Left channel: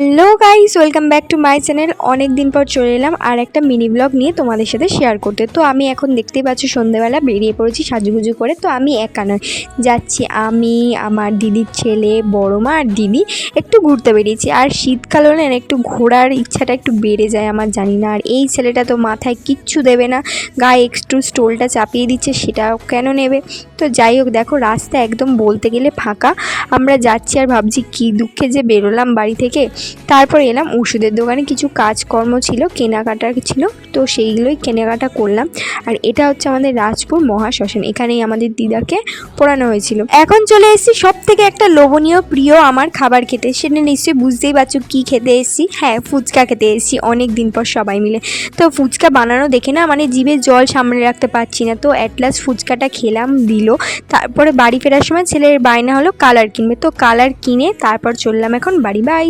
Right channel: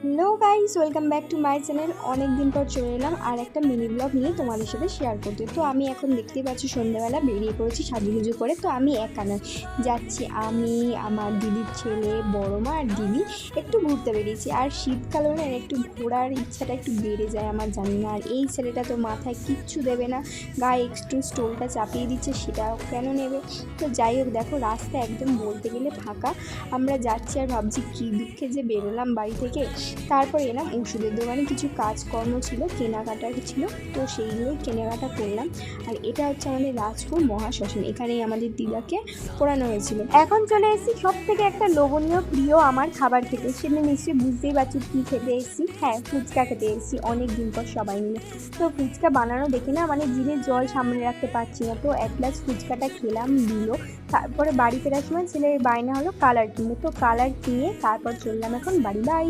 Hello guys, welcome back to my channel. অনেক দিন পর চলে এলাম আর একটা মিনি ব্লগ নিয়ে তোমাদের সাথে শেয়ার করতে। তো আমি এখন দেখতেই পাচ্ছি সন্ধ্যেবেলা বেরিয়ে পড়েছি সাজুগুজু করে। তো আমি একা নয়, যাচ্ছি আমি, আমার দিদির ছেলে, বড় মা আর দিদি একটু ঘুরতে বেরিয়েছি। আর শীতকাল হলে না একটু ঘোরার ইচ্ছাটা একটু বেড়ে যায় আমার, জানি না। আর এই ছেলেটা তো মাথায় কিচ্ছু দেবে না, গায়ে একটু স্টোলটা চাপিয়ে দিচ্ছে, সেটাও কেন নেবে। তো যাই হোক, দেখো রাস্তা একদম বলতে গেলে ফাঁকা। আমরা যাচ্ছি আর ভাবছি কী দুঃখে যে বেরোলাম বাড়ি থেকে। তারপর এলাম ওষুধের দোকানে, কিছু কাজকর্ম ছিল, কেনাকাটা ছিল, তো সেইগুলোই কেনাকাটা করলাম। আর এটা হচ্ছে আমাদের রাজপুর মহাশ্মশান, এখানেই আমাদের দিদাকে পোড়ানো হয়েছিল। এখন চলে এসেছি সব থেকে একটা লোভনীয় প্রিয় আমার খাবার খেতে। সেটা নিশ্চয়ই বুঝতেই পারছো কী খেতে এসেছি। হ্যাঁ, ফুচকা খেতে এসেছি অনেক দিন পর সবাই মিলে। তো ফুচকা বানানো দেখে না মানে জিভে জল সামনে রাখতে পারছি না। তো অ্যাট লাস্ট ফুচকাটা খেলাম, দিল। তারপরে বাড়ি ফেরার সময় ছেলের বায়না হলো কালার কিনবে, তো কালার কিনে তারপর চললাম এখন বাড়ি। বাই।